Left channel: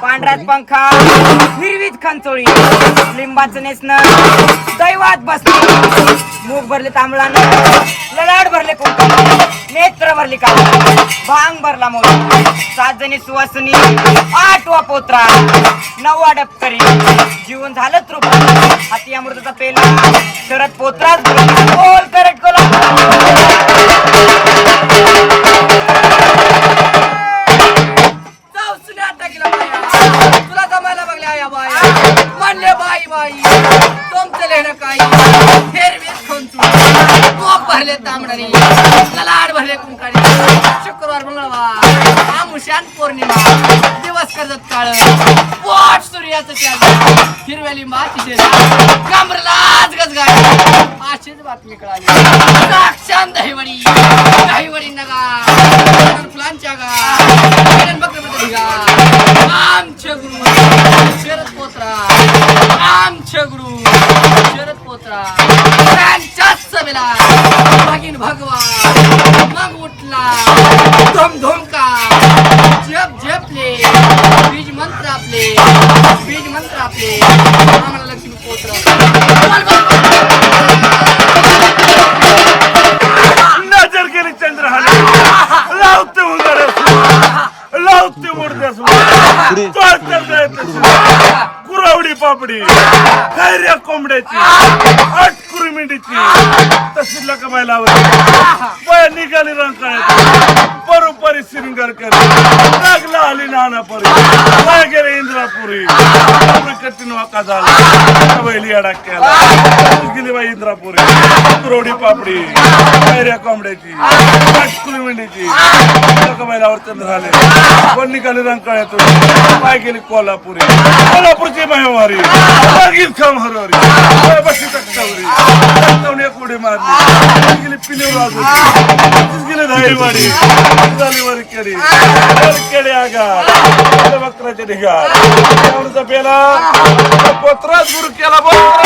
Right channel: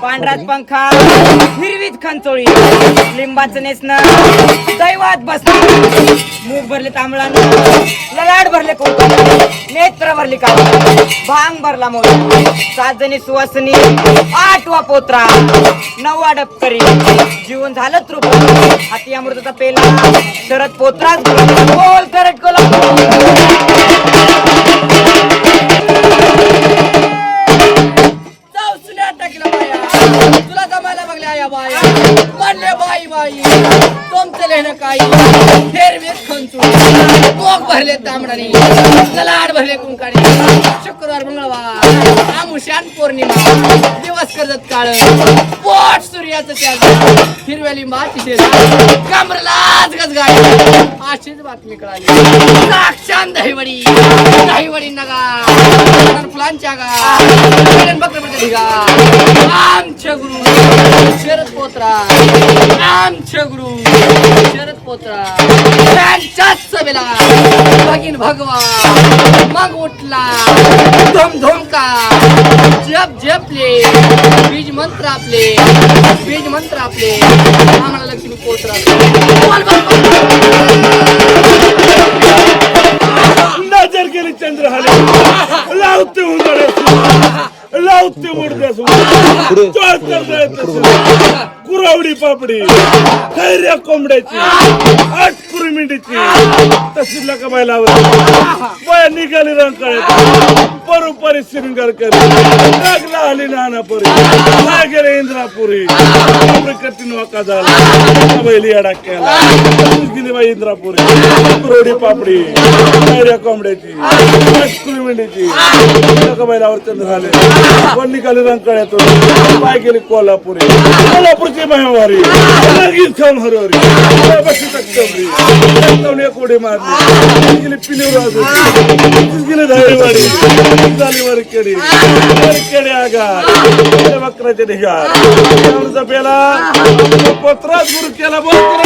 पांढरात पंखा हिरवीत खांचोळी लिंबाचं नेसणं दैवात बसणं मूग भरले तांबळानं ललाड भरले कुंकू नेत्र भरली का भांग भरला मोर 7 जणी सुवासनी 8वा पोत्रा 9वा डबकरी जीवन झालं तृप हाती अमृताचा पेला शरद पोत्राच बोल करट कोला तुला जमायला बघल्या या बाया म्हणले बाई बाई तुमचं लेणं काही हेरवीत खंचू कोक भरले तांबडानी ललाड भरले कुंकानी शुक्रवार मंगळवार आमुष्यान पौर्णिमा दिवस करत काळ पोट सूर्याचं त्या हिरव्या लिंबाची शेज कांबरलाच गजगाय अशीच बातमी कळाली साक्षात दहीवडी नगा फुलांच्या गा बकरपती गा आमच्या गुरु शरद पोत्रा आमच्या गुरु शरद पोत्रा त्यांच्याच सभेला भगीन भगवा मग उठला धोम धोमका जप जपले बीज मंत्र आपले आम्हाला लक्ष्मी पोत्रा नजर गेली चंद्रहार लावते लावते उडते कुरावडी पापडी खैऱ्या कोंबड्याची 8 कुरमिंडीची तशी लकमाय लावली बाया निघाली रंकाळ्यात परोपरी श्रृंगार करी लागला आली नानापुरी गेले इंद्रापुरी कठीण वाका झाला बैली अडक केला गेली बाई इंद्रापुरी कुरावडी पापडी खैऱ्या कोंबड्याची 8 कुरमिंडीची लकमायलावर चंद्र झाले कोण निघाली रंकाळ्यातून पाय गेली कोल्हापुरी कोल्हापूरची महिमारी लगीन खाम हरवरी बशी तक्तवरी तक्तवणी कोडी मारली गेली पिलीवर वाजवली गेली दहीवाडी झाली वरकेडी वरकेडी आगा बकराच्या ढिगार पेला पत्रात गुरु केला बरोबर